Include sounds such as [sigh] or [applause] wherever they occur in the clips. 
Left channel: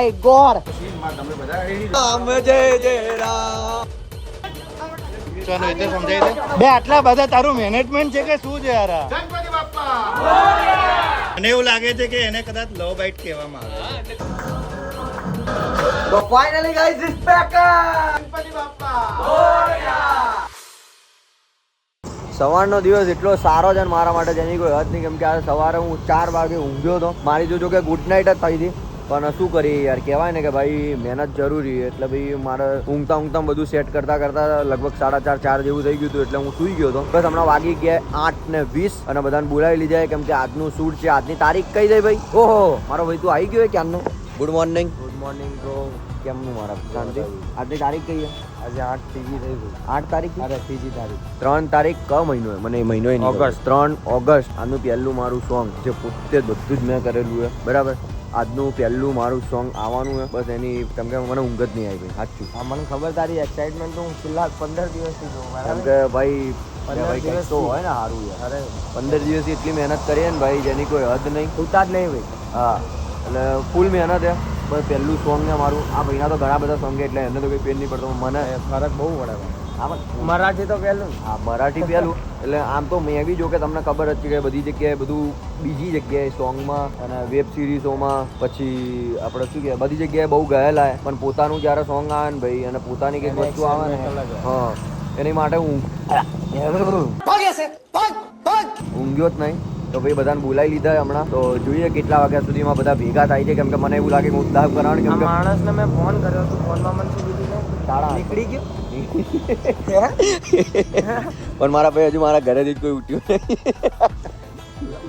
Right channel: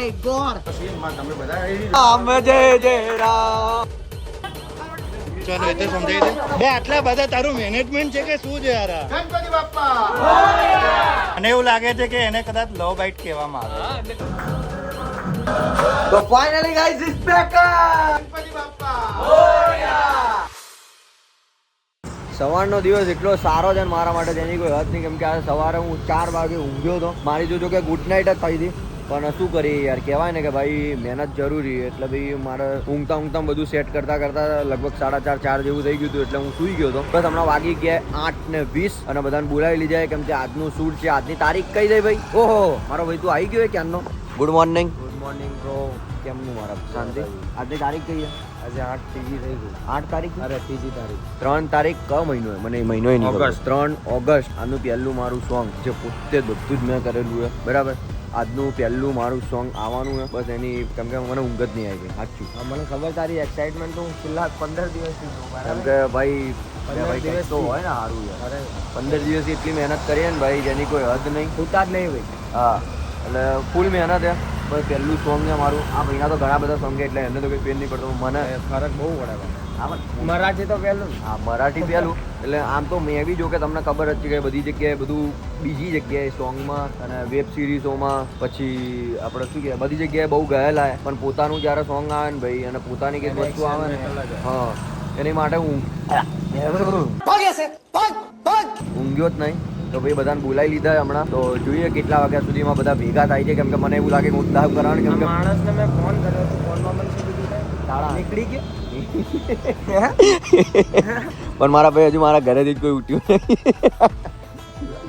My God Ram જય જય રામ. બે આટલા બધા તારું મેનેજમેન્ટ છે કે શું છે યાર? મને એવું લાગે છે કે એને કદાચ લવ બાઇટ કહેવામાં આવે છે. તો ફાઇનલી ગાઈઝ ઇઝ બેક સવારનો દિવસ એટલો સારો છે ને મારા માટે જેની કોઈ હદ નહીં કેમ કે આજે સવારે હું ચાર વાગે ઊંઘ્યો હતો મારી જો જો કે ગુડ નાઇટ જ થઈ હતી. પણ શું કરી યાર કહેવાય ને કે ભાઈ મહેનત જરૂરી એટલે ભાઈ મારે ઊંઘતા ઊંઘતા બધું સેટ કરતા કરતા લગભગ સાડા ચાર ચાર જેવું થઈ ગયું હતું એટલે હું સૂઈ ગયો હતો. બસ હમણાં વાગી ગયા આઠ ને વીસ અને બધાને બોલાવી લીધા કેમ કે આજનું શૂટ છે આજની તારીખ કઈ દઈ ભાઈ? ઓહો મારો ભાઈ તું આવી ગયો ક્યારનો? ગુડ મોર્નિંગ ગુડ મોર્નિંગ કેમનું મારા? શાંતિ? આજની તારીખ કઈ આજે આઠ ત્રીજી થઈ ગયું આઠ તારીખ અરે ત્રીજી તારીખ. ત્રણ તારીખ ક મહિનો મને એ મહિનો ઓગસ્ટ ત્રણ ઓગસ્ટ. આનું પહેલું મારું સોંગ જે પોતે જ બધું જ મેં કરેલું છે. બરાબર? આજનું પહેલું મારું સોંગ આવવાનું છે. બસ એની કેમ કે મને ઊંઘ જ નહીં આવી સાચું. હા મને ખબર તારી એક્સાઇટમેન્ટ તો હું છેલ્લા પંદર દિવસથી જોઉં કેમ કે ભાઈ પંદર ભાઈ કંઈક તો? હોય ને સારું યાર. પંદર દિવસથી એટલી મહેનત કરીએ ને ભાઈ જેની કોઈ હદ નહીં. ખૂટા જ નહીં ભાઈ. હા એટલે ફૂલ મહેનત છે. બસ પહેલું સોંગ છે મારું. આ ભાઈના તો ઘણા બધા સોંગ છે એટલે એને તો કોઈ પેન નહીં પડતો. મને ફરક બહુ પડે ભાઈ. મરાઠી તો પહેલું હા મરાઠી પહેલું. એટલે આમ તો મેં બી જો કે તમને ખબર જ છે કે બધી જગ્યાએ બધું બીજી જગ્યાએ સોંગમાં અને વેબ સિરીઝોમાં પછી આપણે શું કહેવાય બધી જગ્યાએ બહુ ગયેલા. પણ પોતાનું જ્યારે સોંગ આવે ને ભાઈ અને પોતાની કંઈક વસ્તુ આવે ને હા એની માટે હું. ઊંઘ્યો જ નહીં. તો ભાઈ બધાને બોલાવી લીધા હમણાં. તો જોઈએ કેટલા વાગ્યા સુધીમાં બધા ભેગા થાય છે. કેમ કે મને એવું લાગે કે હું કરવાનું કેમ કે માણસને મેં ફોન કર્યો હતો ફોનમાં મને શું કીધું તાળા નીકળી ગયા? [laughs] પણ મારા ભાઈ હજુ મારા ઘરેથી જ કોઈ ઉઠ્યું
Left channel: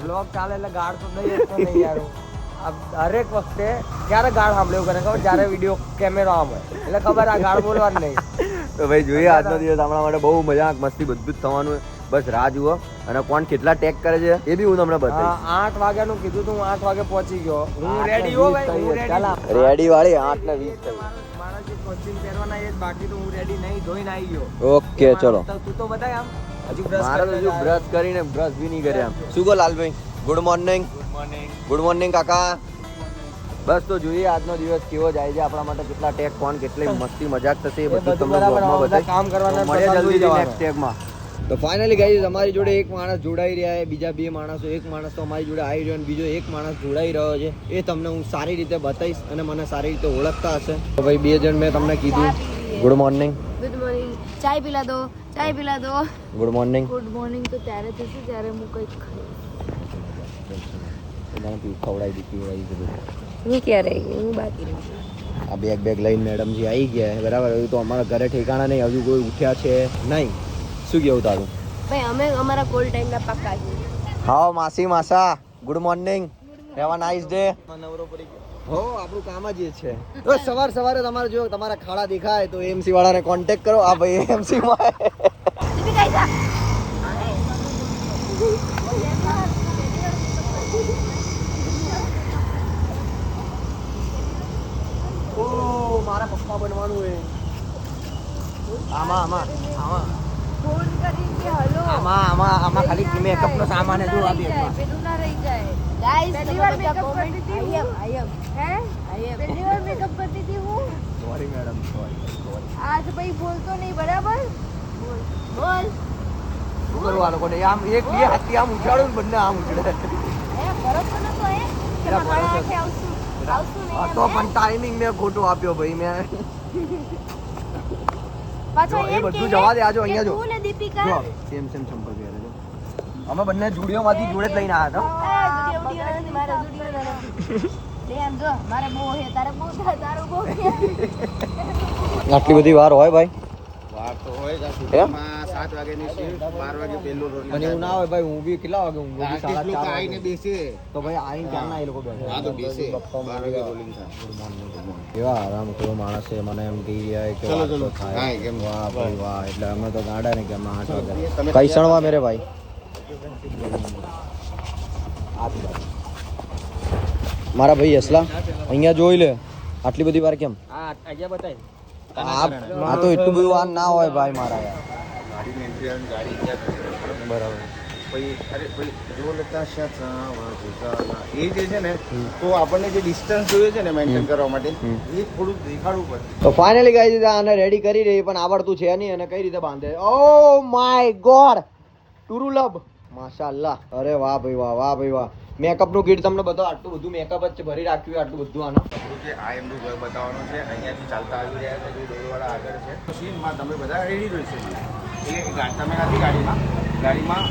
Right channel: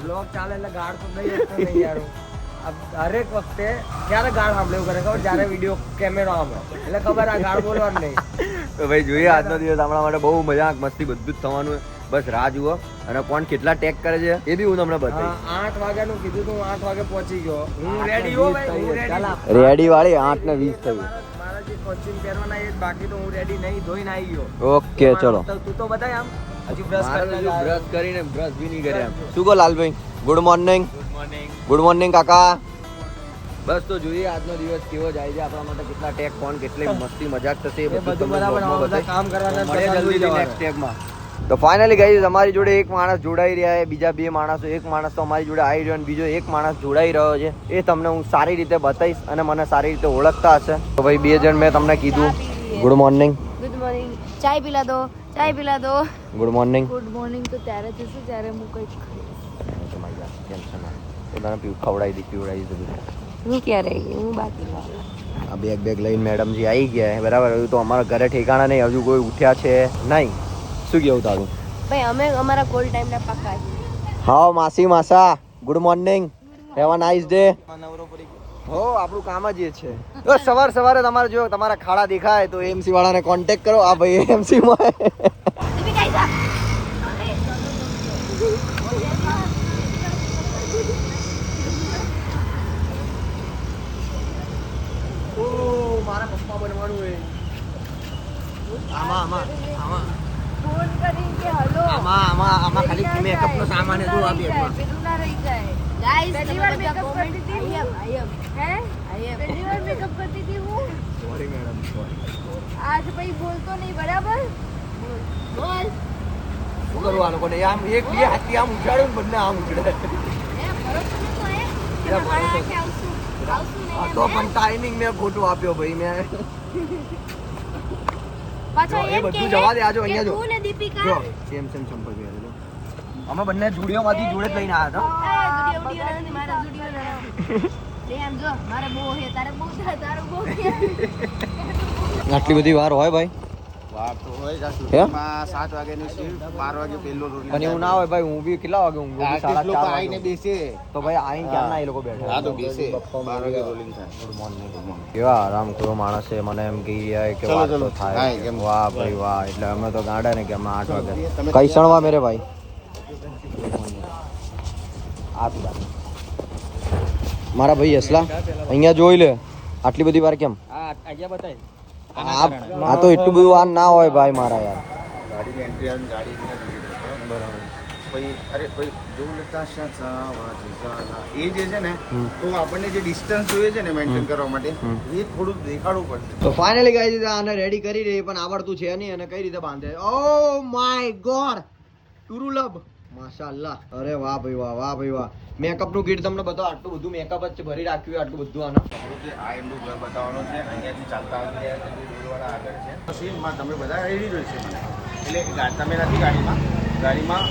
બ્લોગ ચાલે એટલે ગાળ તો નહીં યાર વખતે ક્યારે ગાળ સાંભળ્યું કરે? ખબર? જ્યારે વીડિયો કેમેરો આમ હોય. એટલે ખબર આ ગાળ બોલવાનું નહીં. તો ભાઈ જોઈએ આજનો દિવસ આપણા માટે બહુ મજાક મસ્તી બધું જ થવાનું. બસ રાહ જુઓ. અને કોણ કેટલા ટેગ કરે છે એ બી હું તમને બતાવીશ. હા, આઠ વાગ્યાનું કીધું તું આઠ વાગે પહોંચી ગયો. હું રેડી હો ભાઈ રેડી રેડી વાળી આઠ ને વીસ થઈ મારા જે કોચિંગ પહેરવાના એ બાકી તો હું રેડી નહીં ધોઈને આવી ગયો. ઓકે ચલો. તું તો બતાય આમ. બ્રશ કરીને બ્રશ બી નહીં કર્યા. શું કહો Lalbhai? Good morning good morning good morning કાકા. બસ તો જોઈએ આજનો દિવસ કેવો જાય છે આપણા માટે કેટલા ટેગ કોણ કેટલી [laughs] મસ્તી મજાક થશે એ બધું તમને બધા કામ કરવાના મળે જલ્દી next ટેગમાં તો ફાઇનલી ગાઈઝ અમારી જોડે એક માણસ જોડાઈ રહ્યા છે બીજા બે માણસો એક માણસ તો અમારી જોડે આવી રહ્યો અને બીજો એક માણસ જોડાઈ રહ્યો છે. એ તમને હું સારી રીતે બતાવીશ અને મને સારી રીતે ઓળખતા હશે. તો ભાઈ બે જણ મેં તમને કીધું. ગુડ મોર્નિંગ ગુડ મોર્નિંગ ચાય પીલા દો ચાય પીલા દો. ગુડ મોર્નિંગ ગુડ મોર્નિંગ તો ત્યારે થશે જ્યારે હું કંઈક તને પીવું ખવડાવી દી પીવડાવી દીધું હું ક્યારે હું બાકી આ બેગ બેગ લઈને મેડમજી આવી ગયા બરાબર? હજુ તો અમારા ઘરે ઠેકાણા નહીં હજુ કોઈ ઉઠ્યા છે નહીં. શું કેવું તારું? ભાઈ અમે અમારા કોલ ટાઈમના પક્કા છીએ. હા માસી માસા. Good morning have a nice day હો આપણું કામ જ એ છે. ઓ, સવાર સવારે તમારે જો તમારા ખાડા દેખાય તો એમસી વાળાને કોન્ટેક્ટ કરો. આ ભાઈ એમસી માં. દીપિકા આઈ જા. ઓ મારા પપ્પા બનવાનું હે. આમાં આમાં આમાં. આમાં આમાં આમાં ખાલી મેકઅપ નો સામાન જો આ રહી બેગમાં. જાય, પેલું ના રહી જાય. ગાઈસ પહેલી વાર મેકઅપ કરતી હતી આઈ એમ આઈ એમ હે? આઈ એમ પહેલી વાર મેકઅપ કરતી હતી હું? સોરી મેડમ સોરી આજ ભાઈ બોલતો નહીં બરાબર? બોલ. બોલ. શું કરવું આ લોકોને? આમ એક બે હાથી આમ ઉછાળ્યું ને બંને આમ ઉછળે. હે ભરોસો નતો હે? કે મારા આખે આવશું. આવશું નહીં તો પણ ટાઈમિંગ મેં ખોટો આપ્યો ભાઈ મેં? પાછો એ બધું જવા દે, આજો અહીંયા જો. તું ને દીપિકા. જો સેમ સેમ ચંપલ પહેરે છે. અમે બંને જુડીઓ માંથી જોડે જ લઈને આવ્યા એ, જુડિયો બુડિયો નથી, મારા જુડિયો નથી. લે જો મારે બહુ હે તારે બહુ તારું બહુ હતા આટલી બધી વાર હોય ભાઈ? એવું ના હોય ભાઈ હું બી કેટલા વાગે તો ભાઈ આઈ ક્યારના એ લોકો બેઠા? ગુડ મોર્નિંગ કેવા આરામ કરો માણસ? છે મને એમ કહી રહ્યા કે વાત તો થાય. કેમ? વાહ ભાઈ વાહ. એટલે અમે તો ગાડા ને કે અમે આઠ વાગે. કઈ સણવા મેરે ભાઈ. મારા ભાઈ અસલા અહીંયા જોઈ લે. આટલી બધી વાર કેમ? હા બતાય. આ આ તો એટલું બધું વાર ના હોય ભાઈ મારા યાર. બરાબર. તો આપણને જે ડિસ્ટન્સ જોઈએ છે ને મેન્ટેન કરવા માટે એ થોડું દેખાડવું પડશે. ફાઇનલી ગાઈઝ આને રેડી કરી રહી પણ આવડતું છે નહીં અને કઈ રીતે બાંધે? ઓ માય ગોડ ટુરુલબ માશાઅલ્લાહ અરે વાહ ભાઈ વાહ વાહ ભાઈ વાહ. મેકઅપનું કીટ તમને બતાવો. આટલું બધું મેકઅપ જ ભરી રાખ્યું આટલું બધું આના. છે આ એમનું ઘર બતાવવાનું છે અહીંયાથી ચાલતા આવી રહ્યા છે જે આગળ છે. તો સીનમાં તમે બધા રેડી રહેશે મને. એટલે તમે નથી ગાડીમાં. ગાડીમાં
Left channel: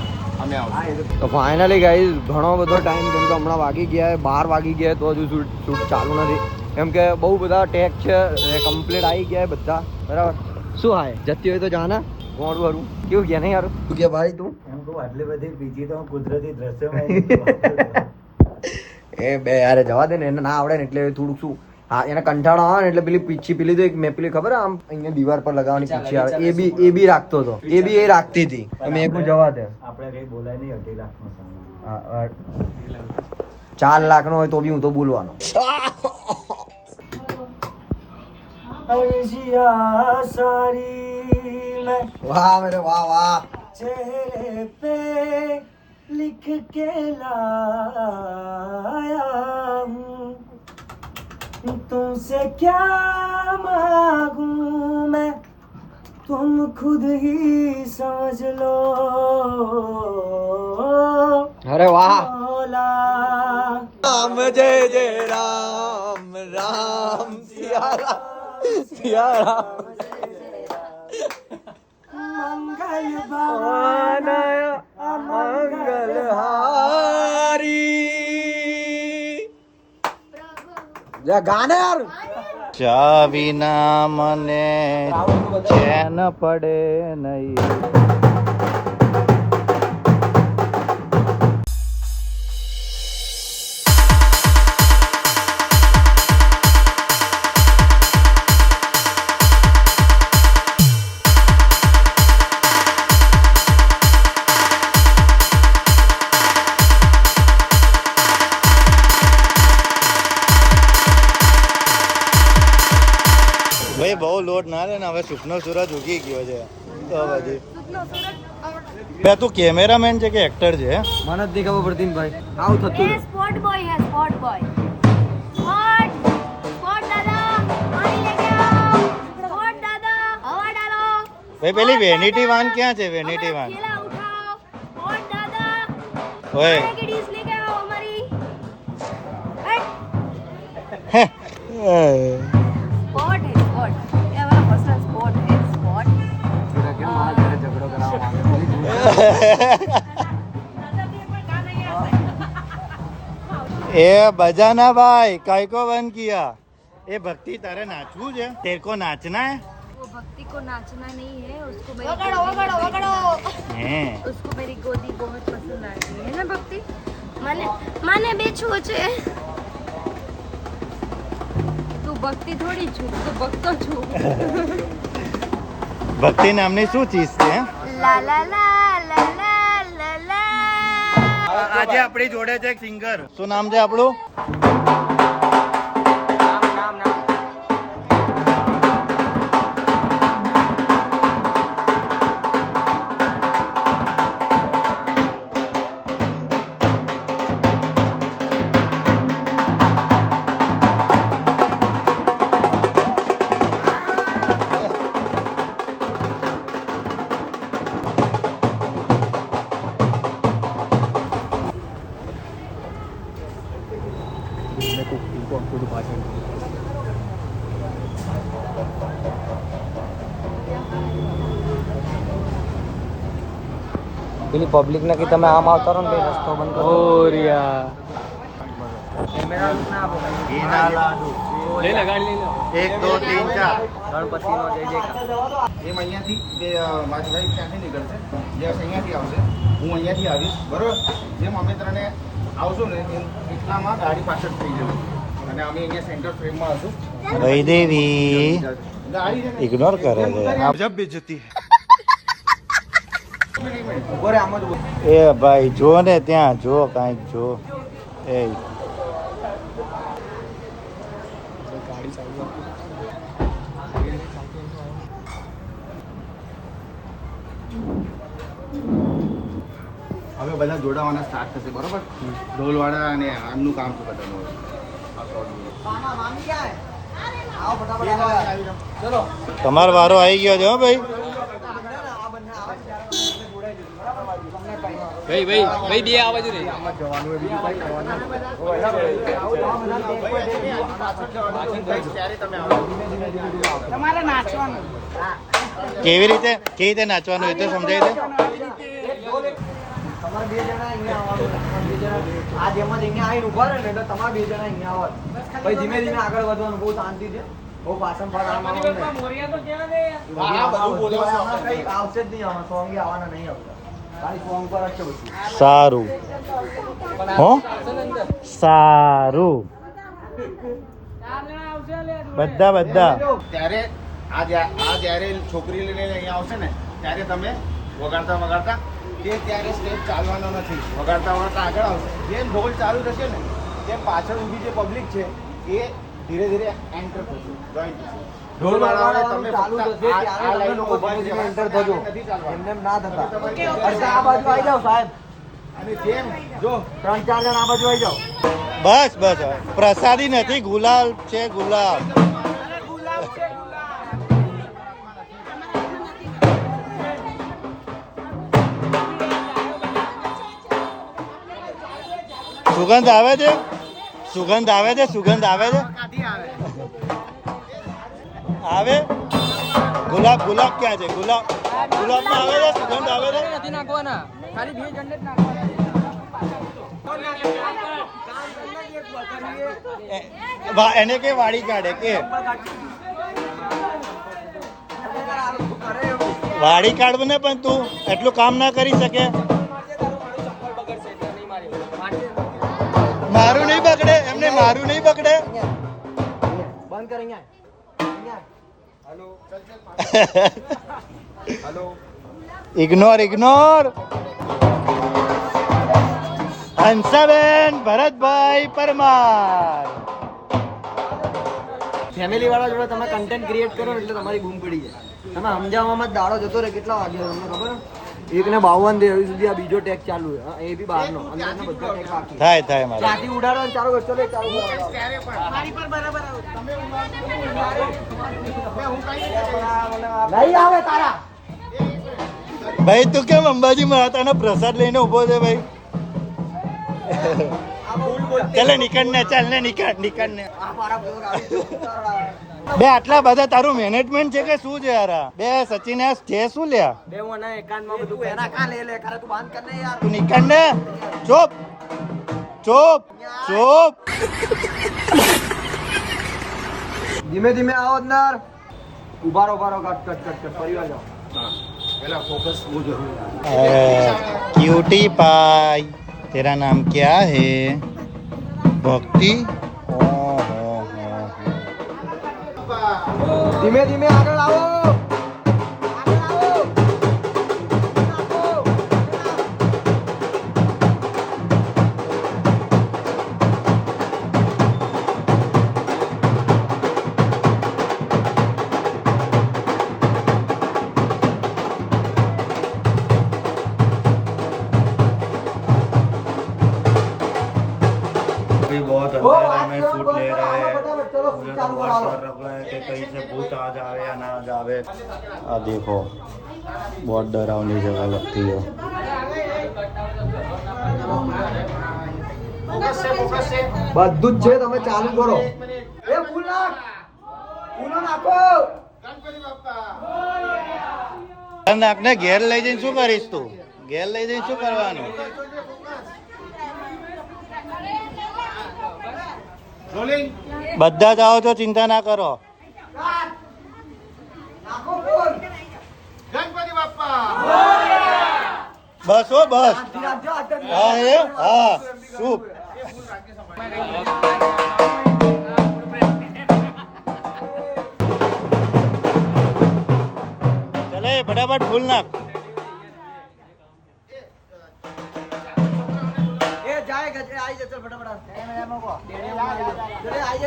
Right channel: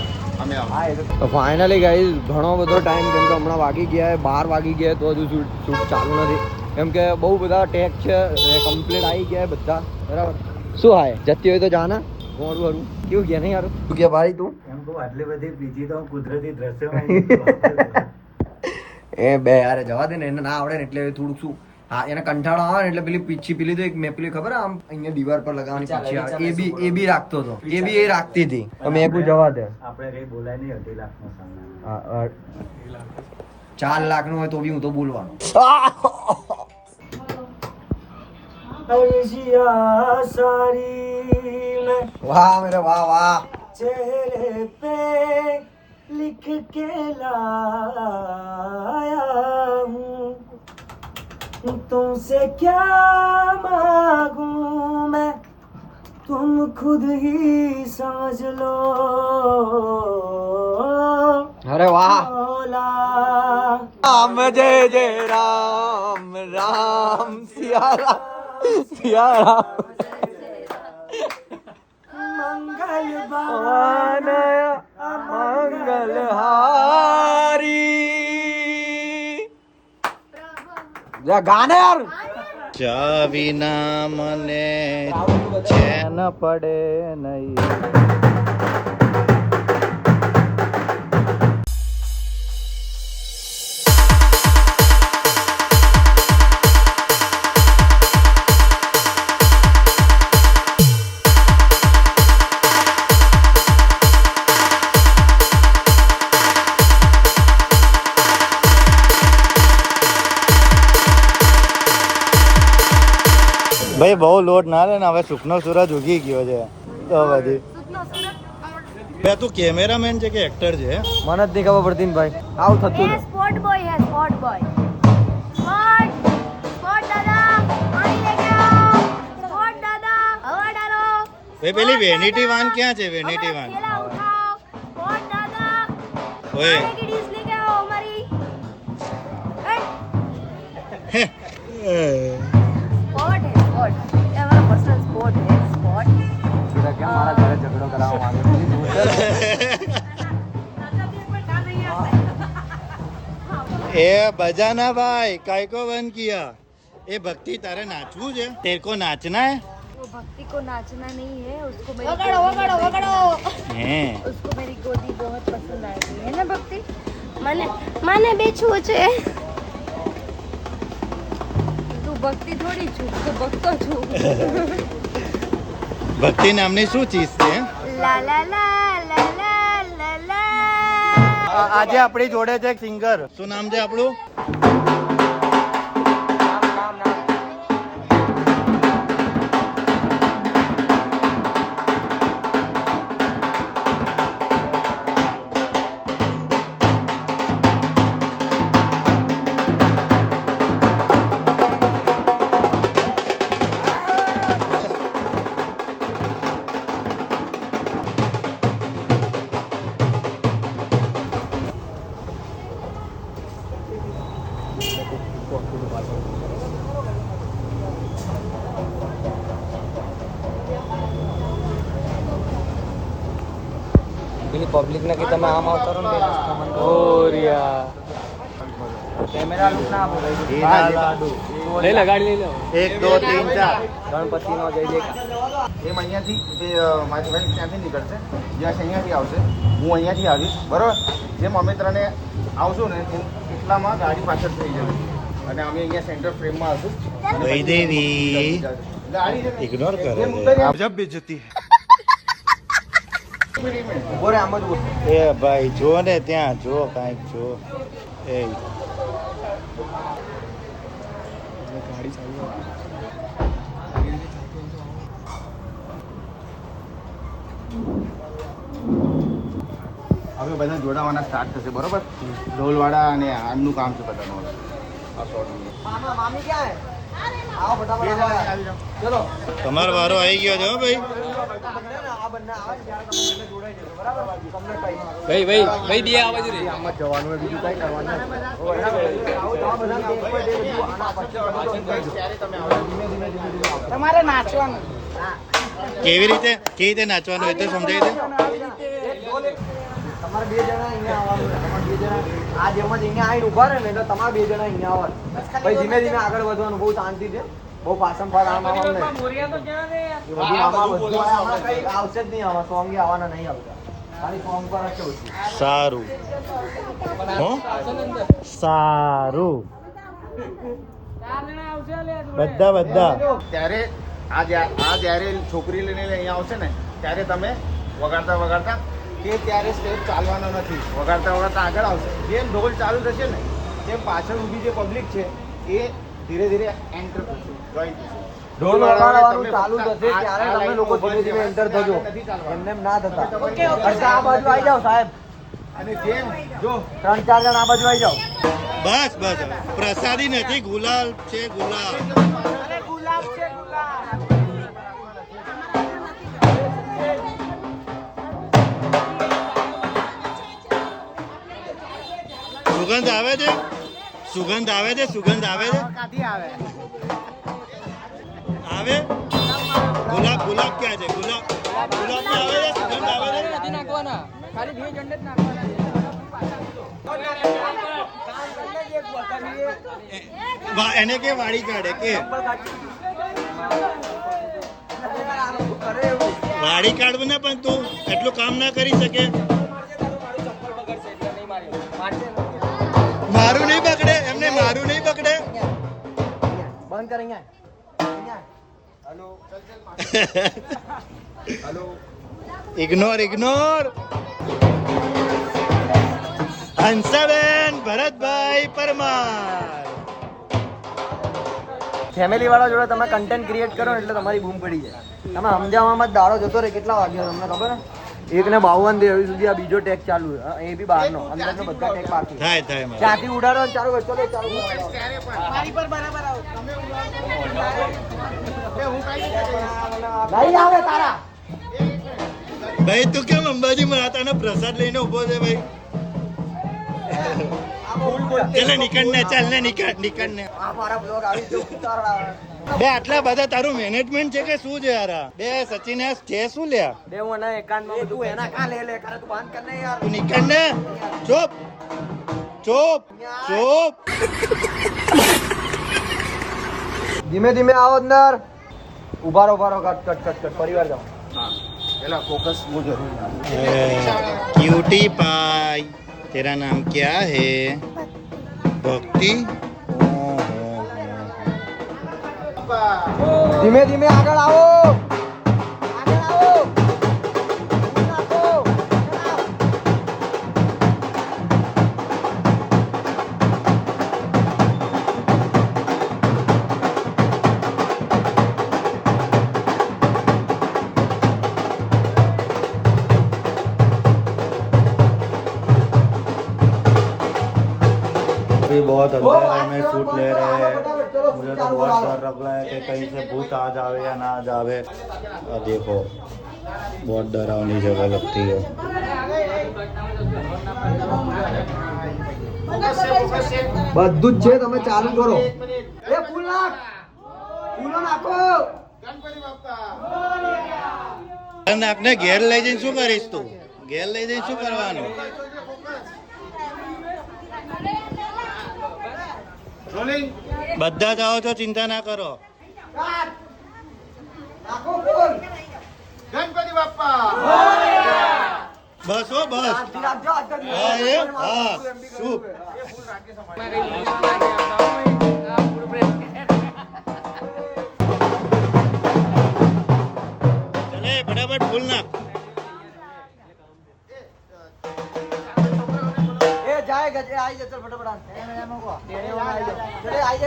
અમે તો ફાઇનલી ગાઈઝ ઘણો બધો ટાઈમ કેમ કે હમણાં વાગી ગયા બાર વાગી ગયા તો હજુ શૂટ શૂટ ચાલુ નથી. કેમ કે બહુ બધા ટેક છે કમ્પ્લીટ આવી ગયા બધા. બરાબર? શું હાય? જતી હોય તો જાના. મોડું હરું કેવું ગયા નહીં યાર તું કે ભાઈ તું? એમ કહું આટલી બધી બીજી તો કુદરતી દ્રશ્યમાં [laughs] એ બે યાર જવા દે ને એને ના આવડે ને એટલે થોડુંક શું? હા એને કંટાળો આવે ને એટલે પેલી પીછી પેલી તો એક મેં પેલી ખબર આમ અહીંયા દીવાર પર લગાવવાની પીછી આવે. એ બી એ બી રાખતો હતો. એ બી એ રાખતી હતી. તો મેં એકું જવા દે. આપણે કઈ બોલાય નહીં અઢી લાખ નો સામાન ચાર લાખ નો હોય તો બી હું તો બોલવાનો. [laughs] ऐसिया सारी मैं વાહ મેરે વાહ વાહ चेहरे पे लिख के लाया हूँ तुमसे क्या मांगू मैं तुम खुद ही समझ लो અરે વાહ मौला રામ જય જય રામ રામ સિયા શિયાળા મંગલ ભાન અમંગલ હારી ગાને યાર. ચા વિના મને ચેન પડે નહીં. સુખનો સૂરજ ઉગી ગયો છે. તો બધી. બે તું કેમેરામેન છે કે એક્ટર છે? મને જ નહીં ખબર પડતી ભાઈ. આવું થતું સ્પોટ બોય સ્પોટ બોય ભાઈ પેલી વેનિટી વાન ક્યાં છે વેનિટી વાન ઓય. હે? क्या हमारा घर झगड़ो कराओ वहाँ से मुझे दूर ए [laughs] बजाना भाई काय को बंद किया? ए भक्ति तारे नाचवू है तेरे को नाचना है? वो भक्ति को नाचना नहीं है उसको मेरी वगड़ो, वगड़ो, वगड़ो। उसको मेरी गोदी बहुत पसंद आ गई है ना भक्ति? माने माने बेचू छे। तू भक्ति थोड़ी छू तू भक्त छू। [laughs] ભક્તિ નામની શું ચીજ છે? આજે આપણી જોડે છે એક સિંગર. શું નામ છે આપણું? પેલી પબ્લિક ને કે તમે આમ આવતા રહો ને બે રસ્તો બંધ કરો કેમેરા ના આપો ભાઈ. ઘીના લાડુ. લઈ લો ગાડી લઈ લો. એક દો તીન ચાર. ગણપતિ નો જય જયકાર. એમ અહીંયાથી જે મારી ભાઈ ક્યાંથી નીકળશે. યશ અહીંયાથી આવશે. હું અહીંયાથી આવીશ. બરોબર? જેમ અમે ત્રણે આવશું ને એમ એટલામાં ગાડી પાછળ થઈ જશે. અને અમે અહીંયા સેન્ટર ફ્રેમમાં હશું. વૈદેવી ઇગ્નોર કરે છે. ઊભો બેજતી એ ભાઈ જો ને ત્યાં જો કાંઈક જો. એ. ગાડી ચાલુ હવે બધા જોડાવાના સ્ટાર્ટ થશે બરોબર? ઢોલવાળા અને આનું કામ છે બધાનું. મામા મામી ક્યાં હે? આવો ફટાફટ આવો. ચલો. તમારો વારો આવી ગયો છે હો ભાઈ. ભાઈ ભાઈ ભાઈ દિયા આ બાજુ આમ જ જવાનું બીજું કઈ કરવાનું. તમારે નાચવાનું. કેવી રીતે? કેવી રીતે નાચવાનું એ તો સમજાય છે તમારે બે જણા અહીંયા આવવાનું તમારે બે જણા આ જેમ જ અહીંયા આવીને ઊભા રહે ને એટલે તમારે બે જણા અહીંયા આવવાનું. પછી ધીમે ધીમે આગળ વધવાનું બહુ શાંતિ છે બહુ પાછમ ફાર આમ આમ બધું આવશે. જ નહીં આવા સોંગ આવવાના નહીં આવતા. ખાલી સોંગ પર જ છે બધું. સારું. હો? સારું. બધા બધા. ત્યારે આ આ જ્યારે છોકરી લઈને અહીંયા આવશે ને ત્યારે તમે વગાડતા વગાડતા તે ત્યારે સ્ટેપ ચાલવાનો નથી. વગાડતા વગાડતા આગળ આવશે. જેમ ઢોલ ચાલુ થશે ને તે પાછળ ઊભી જે પબ્લિક છે એ ધીરે ધીરે એન્ટર થશે જોઈન ઢોલ વગાડવાનું ચાલુ થશે ત્યારે તમે લોકો ધીમે ધીમે એન્ટર થજો. એમને એમ ના થતા. અરે આ બાજુ આવી જાઓ સાહેબ. અને જેમ જો ત્રણ ચાર જણ આ બાજુ આવી જાઓ. બસ બસ. પ્રસાદી નથી ગુલાલ છે ગુલાબ. સુગંધ આવે છે? સુગંધ આવે છે સુગંધ આવે છે? આવે? ગુલાબ ગુલાબ ક્યાં છે? ગુલાબ ગુલાબમાં આવે છે સુગંધ આવે છે? એને કે વાળી કાઢે કે? વાળી કાઢવું ને પણ તું એટલું કામ ના કરી શકે. મારું નહીં પકડે એમને મારું નહીં પકડે બંધ કર અહીંયા. Ignore ignore Hansaben Bharatbhai Parmar family વાળા જોડે તમે કન્ટેન્ટ ક્રિએટ કરો ને એટલે તમારી બૂમ પડી જાય. તમે સમજાવવામાં જ દાડો જતો રહે કેટલા વાગ્યો તમને ખબર? ને એક ને બાવન દે હજી સુધી આ બીજો ટેગ ચાલુ છે. એ બી બહારનો. અંદર બધા ટેગ બહાર થાય થાય મારે. ત્યાંથી ઉડાડો ને ચાલુ ચલો નહીં આવે તારા. ભાઈ તું કેમ અંબાજી માતાનો પ્રસાદ લઈને ઊભો છે ભાઈ? ચાલે નીકળ ને ચાલ ને નીકળ નીકળ ને. આ મારા બ્લોગ આવી ગયો. બે આટલા બધા તારું મેનેજમેન્ટ છે કે શું છે યાર? બે સચિન આ છે શું લે? બે હું ના એકાંતમાં તું એના કા લે લે? કરે તું બાંધ કર ને યાર. તું નીકળ ને. ચૂપ. ચૂપ. ચૂપ. ધીમે ધીમે આવો અંદર ઊભા રહો ઊભા રહો કટ કટ કટ પરિવાર દો પેલા ફોકસ હું જરૂર ક્યુટી પાઈ તેરા નામ ક્યા હે? ભક્તિ ધીમે ધીમે આગળ આવો આગળ આવો આગળ આવો. अभी बहुत अंधेरा में शूट ले रहे हैं फटाफट, चलो, मुझे तो चालू बहुत करो। डर लग रहा है कि कहीं से भूत आ जावे या ना जावे आ देखो बहुत डरावनी जगह लगती है બધું જ છે તમે ચાલુ કરો એ ફૂલ નાખ ફૂલો નાખો નાખને ઘેર લઈ જઈને શું કરીશ તું ઘેર લઈ જઈને શું કરવાનું બધા જ આવો છો ચિંતા ના કરો. ગણપતિ બસ હો બસ. હા એ? હા. શું? ચલે ફટાફટ ફૂલ નાખ. એ જાય ગજ એ આવી જશે ફટાફટ ટેણે વાળા આવી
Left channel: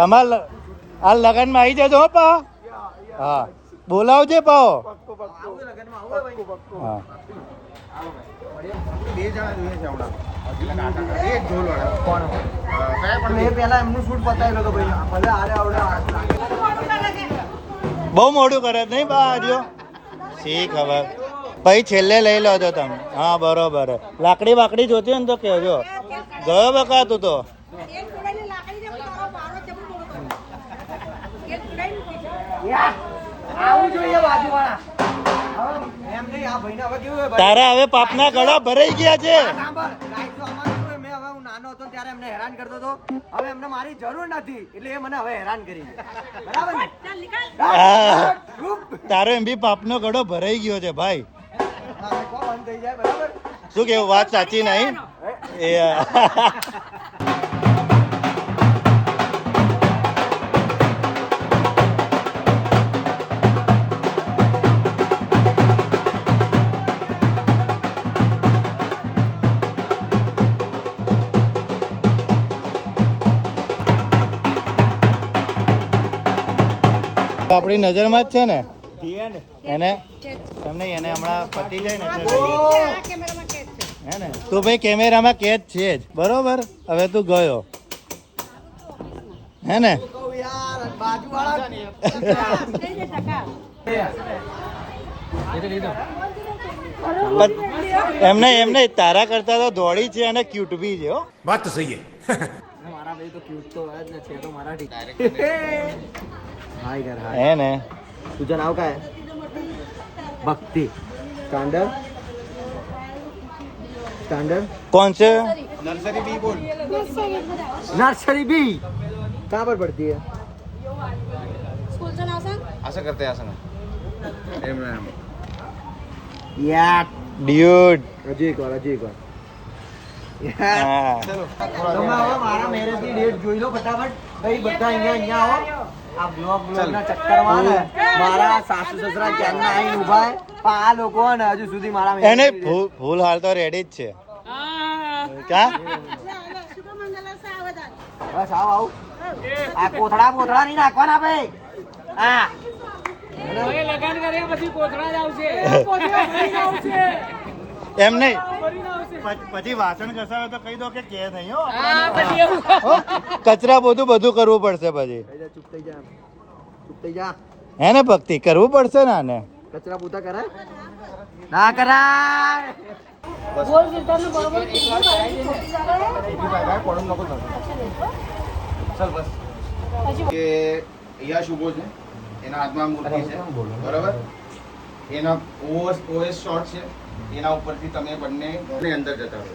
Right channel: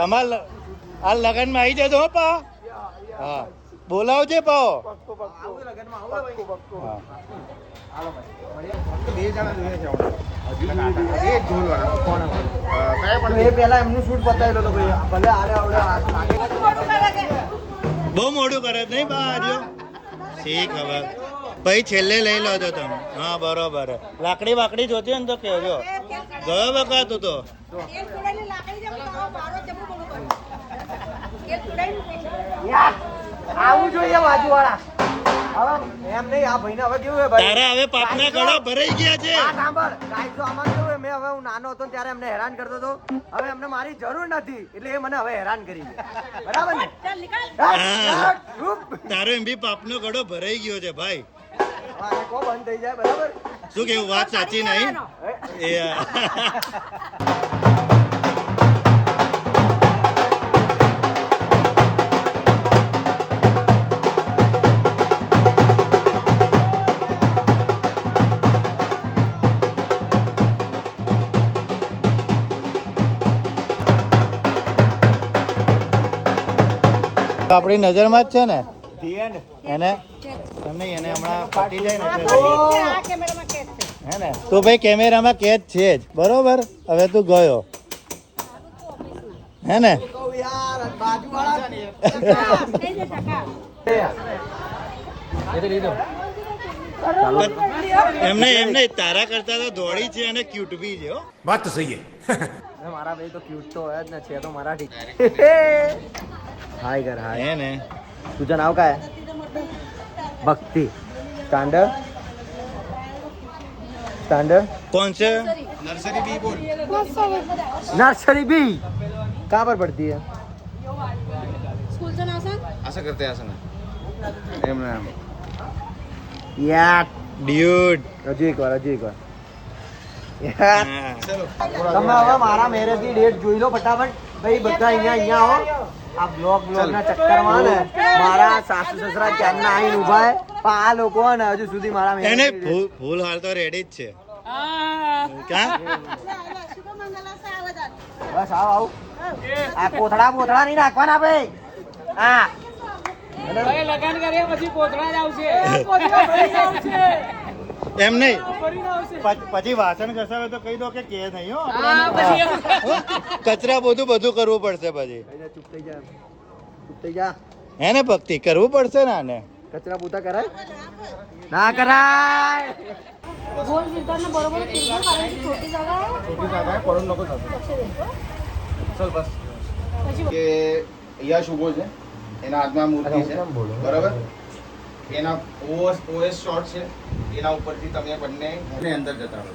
તમારે આ લગનમાં આવી જજો પા. હા. બોલાવજે, પાઓ. બે જણા જોઈએ છે બહુ મોડું કરે નહીં, બા, આજો. શી ખબર? પછી છેલ્લે લઈ લો છો તમે. હા, બરોબર. લાકડી બાકડી જોતી હોય ને તો કહેજો. ગયો બકા તું તો? આવું જોઈએ બાજુ વાળા હવે એમ નહીં આ ભાઈને હવે કેવું છે તારા હવે પાપના ગળા ભરાઈ ગયા છે. આ તો આમાં કેવું મેં હવે હું નાનો હતો ત્યારે એમને હેરાન કરતો હતો. હવે એમને મારી જરૂર નથી એટલે એ મને હવે હેરાન કરી બરાબર ને. તારો એમ બી પાપનો ગળો ભરાઈ ગયો છે ભાઈ. બંધ થઈ જાય બરાબર? શું કેવું વાત સાચી નહીં? આપણી નજરમાં જ છે ને? એને? તમને એને હમણાં ફટી જાય ને હે ને? તો ભાઈ કેમેરામાં કેદ છે જ. બરોબર? હવે તું ગયો. હે ને? એમને એમને તારા કરતા તો દોડી છે અને ક્યુટ બી છે હો. [laughs] મારા ભાઈ તો ક્યુટ તો હોય જ ને છે તો મરાઠી હાય કર હાય હે ને तुझं नाव काय भक्ती स्टँडर्ड स्टँडर्ड કોણ છે नर्सरी बी कहाँ पर पड़ती है असं करते असं नाही एम नाही यार ડ્યુડ હજી એક વાર હજી એક વાર હા તમે હવે મારા મેરેજની ડેટ જોઈ લો ફટાફટ. ભાઈ બધા અહીંયા અહીંયા આવો. આ બ્લોગ બ્લોક ના ચક્કરમાં ને મારા સાસુ સસરા ક્યારના આવીને ઊભા હે પણ આ લોકો ને હજુ સુધી મારા એને ફૂલ હાલ તો રેડી જ છે. બસ આવ આવ. આ કોથળા કોથળા નહીં નાખવાના ભાઈ. હા. લગાન કરે પછી કોથળા જ આવશે. એમ નહીં. પછી વાસણ ઘસાવે તો કહી દો કે કે નહીં હો હો? કચરા બધું બધું કરવું પડશે પછી. જા, ચૂપ થઈ જા ચૂપ થઈ જા. હે ને ભક્તિ કરવું પડશે ને આને? કચરા પૂતા કરાય? ના કરાય. બરોબર કીધું કારણ કે છોટી જાગા હે. કે યશ ઊભો છે. એના હાથમાં મૂર્તિ છે. બરાબર? એના ઓએસ ઓએસ શોટ છે. એના ઉપરથી તમે બંને ઘરની અંદર જતા રહો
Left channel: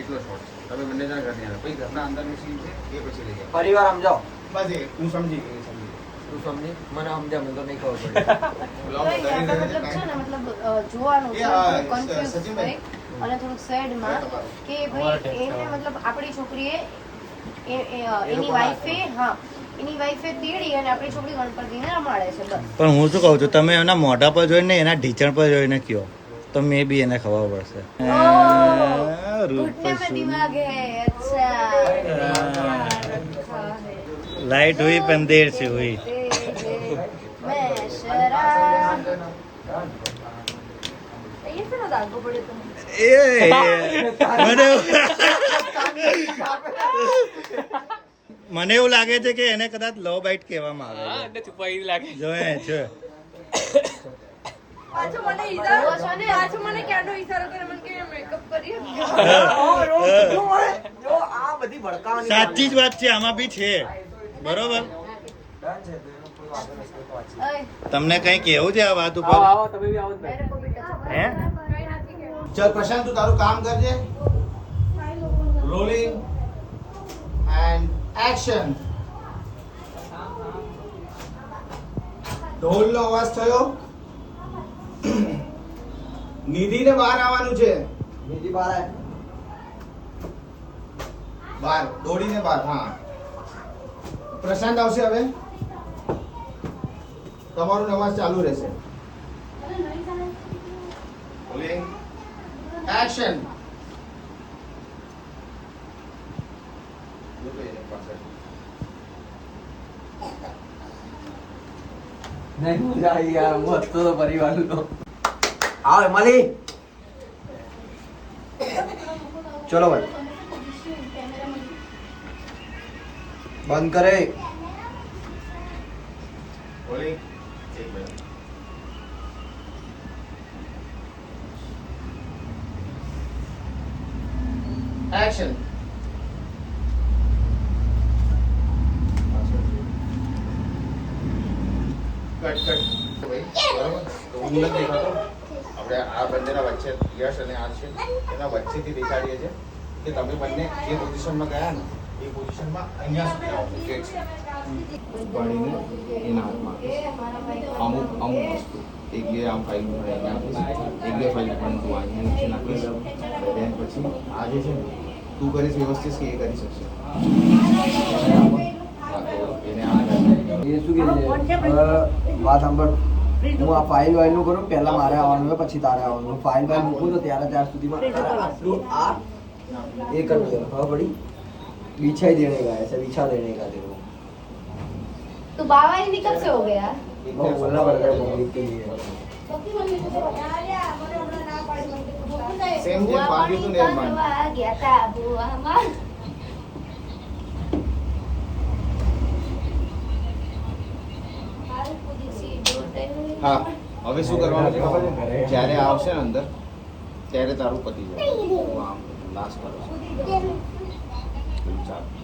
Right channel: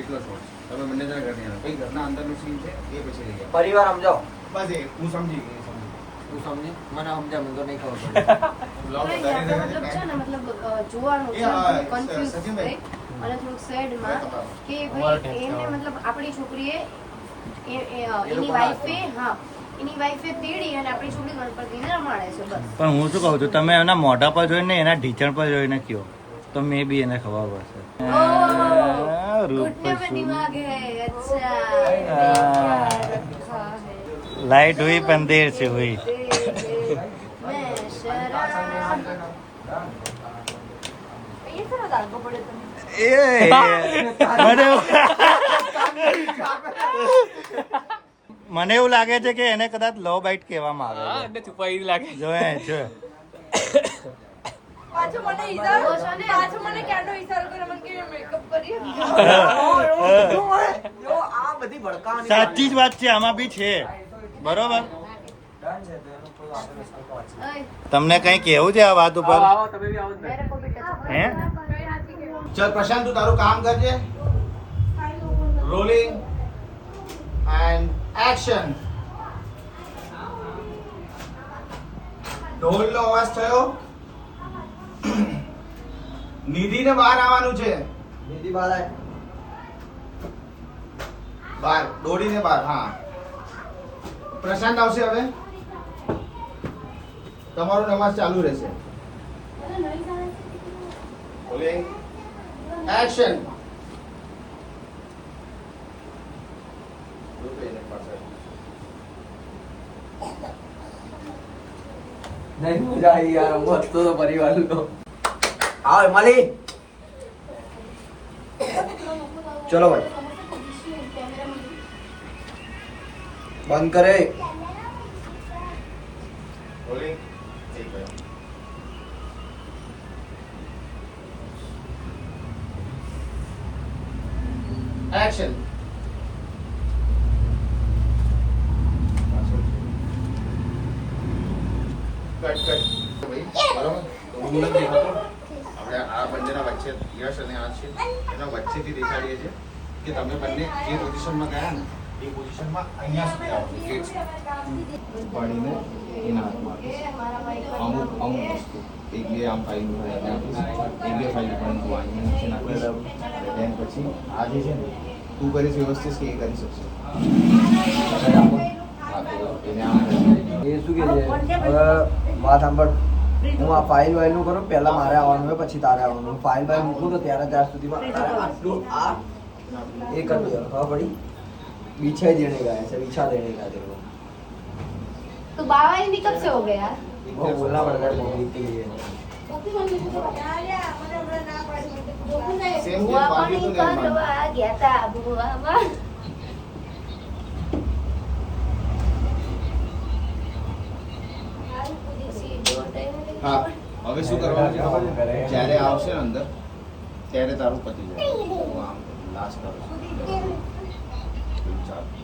એટલો શોર્ટ તમે બંને જણા ઘરની અંદર. પછી ઘરના અંદરની સીન છે એ પછી લઈ જાઓ પરિવાર સમજો. બસ એ હું સમજી ગઈ સમજી તું સમજી? મને સમજા મને તો નહીં ખબર પડે. મતલબ છે ને મતલબ જોવાનું કન્ફ્યુઝ સચિનભાઈ. અને થોડુંક સેડમાં કે ભાઈ એને મતલબ આપણી છોકરીએ એની વાઈફે હા એની વાઈફે તેડી અને આપણી છોકરી ગણપતિને રમાડે છે પણ હું શું કહું છું તમે એના મોઢા પર જોઈને એના ઢીચણ પર જોઈને કયો. તો મે બી એને ખબર પડશે આ, રૂપ घुटने में શું? दिमाग है अच्छा हाँ। रखा है लाइट हुई पंदेर से हुई [laughs] मैं शराब ये फिर दागो पड़े तुम એ મને એવું- મને એવું લાગે છે કે એને કદાચ લવ બાઇટ કહેવામાં આવે છે છુપાઈ લાગે જો એ છે [laughs] સાચી જ વાત છે આમાં બી છે. બરોબર? તમને કઈ કેવું છે આ વાત ઉપર? હે? ચલ પ્રશાંત તું તારું કામ કરજે. રોલિંગ એન્ડ એક્શન ઢોલનો અવાજ થયો? [coughs] નિધિને બહાર આવવાનું છે. નિધિ બહાર આવે બહાર દોડીને બહાર હા. પ્રશાંત આવશે હવે? તમારો નમાઝ ચાલુ રહેશે. એક્શન નહીં મજા આવી યાર મસ્ત તો આવ મળી ચલો ભાઈ બંધ કરે. ઓલી એક ભાઈ. એક્શન કટ કટ બરાબર ઊંઘ નથી દેખાતો આપણે આ બંનેના વચ્ચે યશ અને આ છે એના વચ્ચેથી દેખાડીએ છીએ કે તમે બંને જે પોઝિશનમાં ગયા ને એ પોઝિશનમાં અહીંયા સુધી આવવાનું જે છે. પાડીને એના હાથમાં અમુક અમુક વસ્તુ. એક બે આમ ફાઇલ ભરાઈને આપીશ. એક બે ફાઇલ પણ તું અહીંયા નીચે નાખી દઉં. Then પછી આ જે છે ને તું કરીશ એ વસ્તુ છે એ કરી શકશે. હા તો એને આમ એ શું કે છે? વાત સાંભળ. હું આ ફાઇલ વાઇલ નું કરું પહેલા મારે આવવાનું હોય પછી તારે આવવાનું હોય. ફાઇલ વાઇલ મૂકું તો ત્યાંના ત્યાં સુધીમાં આટલું આ એ કરી દો હા પડી बिछाई देने का है ऐसा बिछा देने का तेरे को तो बाबा हिंदी कब से हो गया वो बोलना पड़ता है पब्लिक के लिए સેમ જે બાકી હતું ને એમ હા. હવે શું કરવાનું છે? ખબર જ્યારે આવશે ને અંદર ત્યારે તારું પતિ જાય હું આમ લાસ્ટ કરું છું. પેલું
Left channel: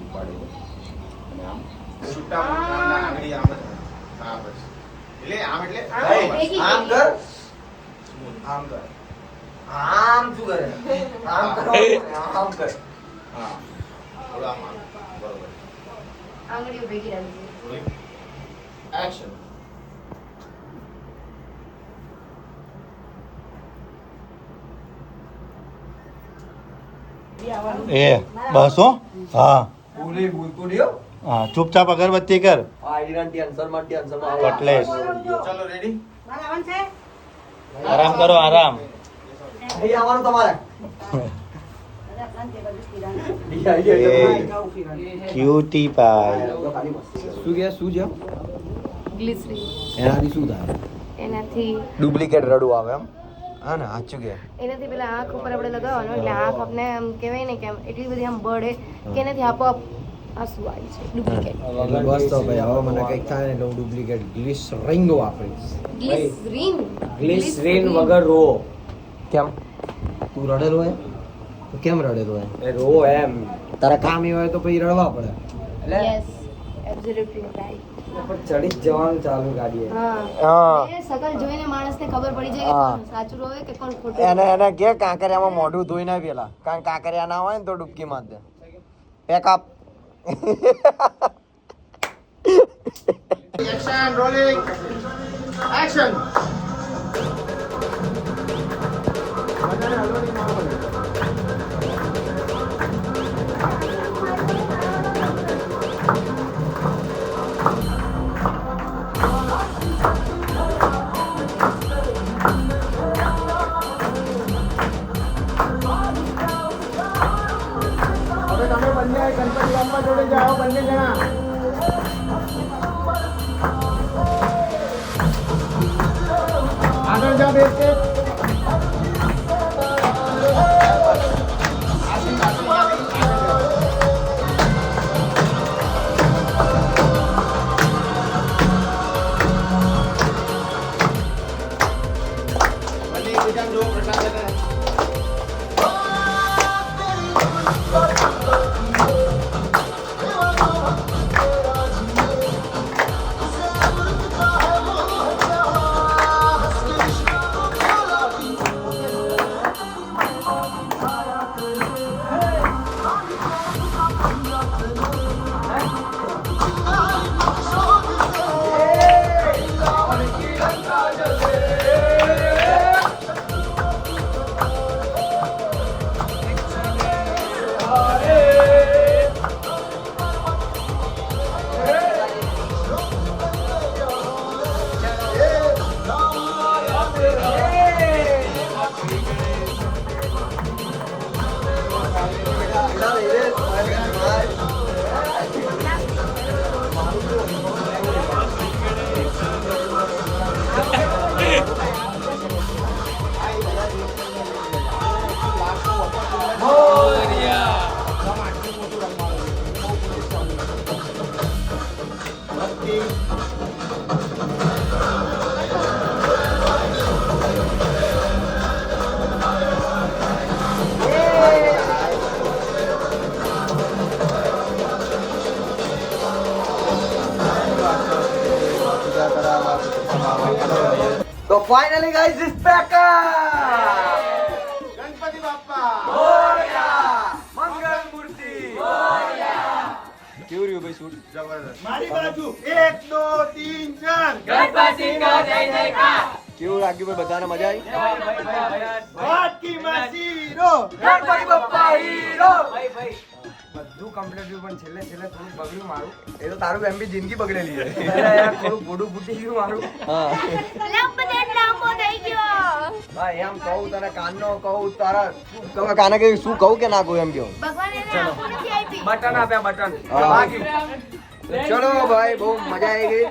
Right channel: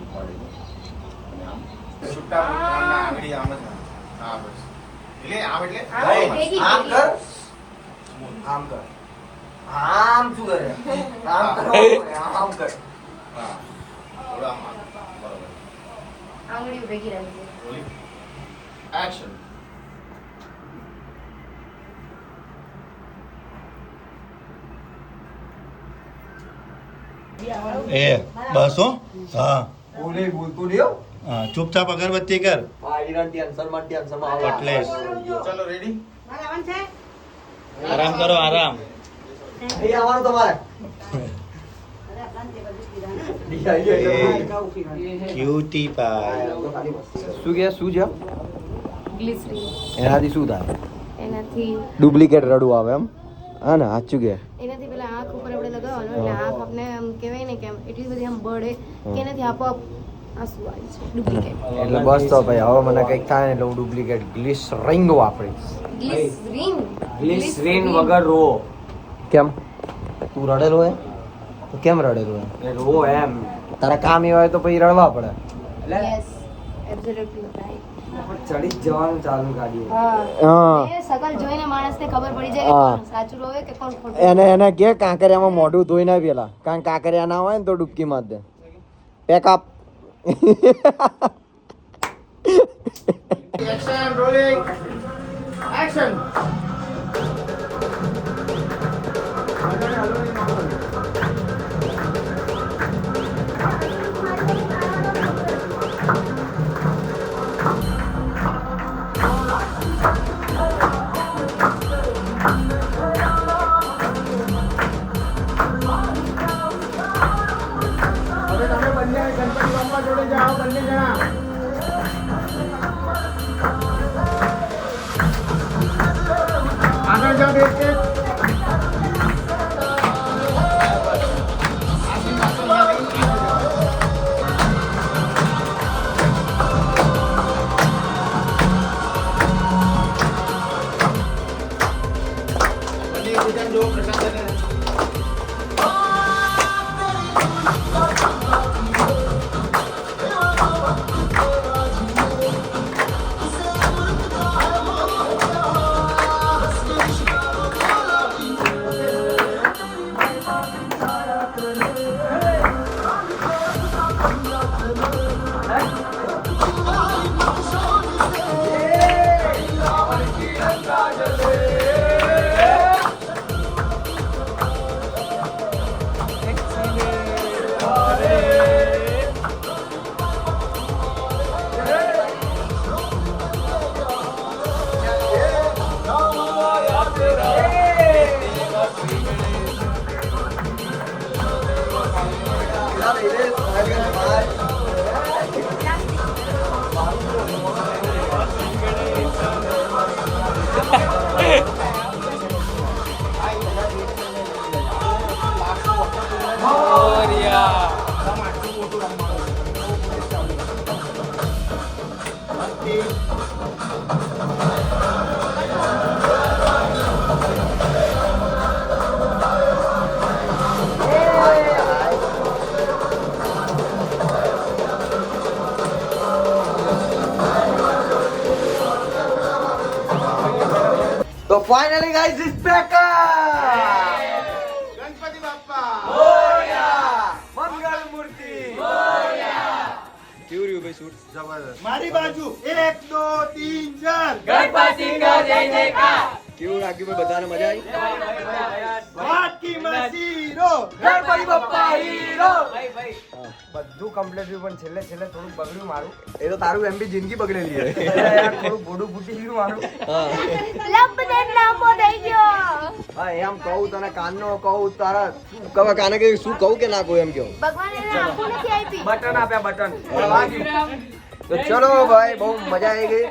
ઉપાડી અને આમ. છૂટા આંગળી આમ હા બસ. એટલે આમ એટલે આમ કર. આમ કર. આમ શું કરે? આમ કર. આમ કર. હા. બરોબર. ભેગી રાખી એક્શન એ બસ? હો. હા બોલે બોલતું હા ચૂપચાપ અગરબત્તી કર. કટલેસ. ચાલો રેડી આરામ કરો આરામ. ક્યુટી પાય શું કે શું છે? એનાથી શું થાય? એનાથી ડુપ્લિકેટ રડવું આવે એમ? હા ને સાચું કે. એનાથી પેલા આંખ ઉપર આપણે લગાવવાનું એટલે આંખ આપણે આમ કહેવાય ને કે એટલી બધી આમ બળે કે એનાથી આપોઆપ આંસુ આવી છે ડુપ્લિકેટ એટલે બસ તો ભાઈ હવે મને કંઈક થાય ને એટલે હું ડુપ્લિકેટ ગ્લિસરીન વાપરીશ. ગ્લિસરીન ગ્લિસરીન વગર રો. કેમ? તું રડેલો હે? તો કેમ રડેલો હે? એ રો એમ. તારા કામ એ હોય તો પછી રડવા પડે. એટલે યસ એબ્સોલ્યુટલી રાઈટ ચડી જવાનું ચાલુ ગાડી હા. એ સકલ જોઈને માણસને ખબર પડી જાય કે કોણ સાચું રોવે કે કોણ ખોટું એને એને કે કાંકરિયામાં મોઢું ધોઈ ના પેલા. કારણ કાંકરિયા ના હોય ને તો ડૂબકી માર દે. Pack up action rolling action જોડે જાઓ બંને જણા આગળ જાઓ બે step Finally guys is back Mangal Murti કેવું રહ્યું ભાઈ શૂટ મારી બાજુ એક દો તીન ચાર કેવું લાગ્યું ભાઈ બધાને મજા આવી બાકી માસી રો ગણપતિ બાપ્પા હીરો બધું કમ્પ્લીટ થયું પણ છેલ્લે છેલ્લે થોડું બગડ્યું મારું એ તો તારું એમ બી જિંદગી બગડેલી છે યાર થોડું ગોડું ફૂટી ગયું મારું હા થઈ ગયો. ભાઈ એમ કહું તને કાનનો કહું તારા કાને કે શું કહું કે ના કહું એમ કહું. ભગવાન એને આંખો નથી આપી. બટન આપ્યા બટન. તો ચલો ભાઈ બહુ મજા આવી ગઈ.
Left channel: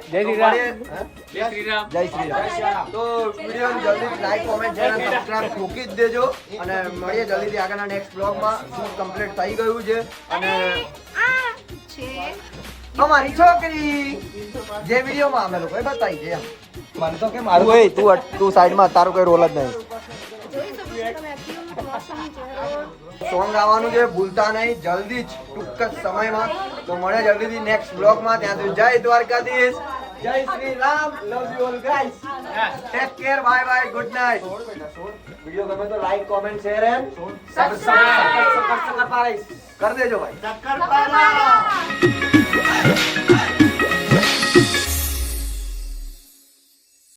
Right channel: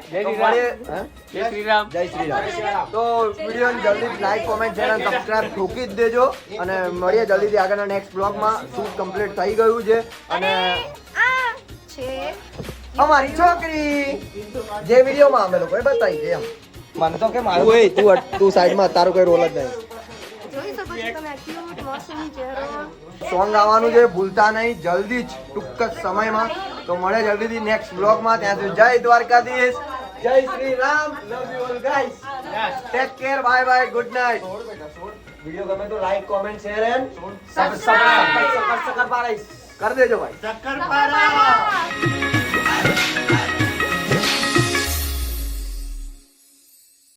જય શ્રી રામ. જય શ્રી રામ. તો વીડિયો જલ્દી લાઈક કોમેન્ટ ચેનલ સબસ્ક્રાઈબ ઠોકી જ દેજો. અને મળીએ જલ્દીથી આગળના નેક્સ્ટ બ્લોગમાં શૂટ કમ્પ્લીટ થઈ ગયું છે. અને આ છે અમારી છોકરી. જે વિડીયોમાં અમે લોકોએ બતાવી છે એમ. મને તો કે તું ઓય તું તું સાઈડમાં તારું કોઈ રોલ જ નહીં. જોઈ શકો છો તમે ક્યુટ મોસમ ચહેરો. સોંગ આવવાનું છે ભૂલતા નહીં જલ્દી જ ટૂંક જ સમયમાં. તો મળે જલ્દીથી નેક્સ્ટ બ્લોગમાં ત્યાં સુધી જય દ્વારકાધીશ. જય Shri Ram. Love you all guys take care bye bye good night video ગમે તો like comment share and subscribe કરી દેજો ભાઈ. શક્કરપારા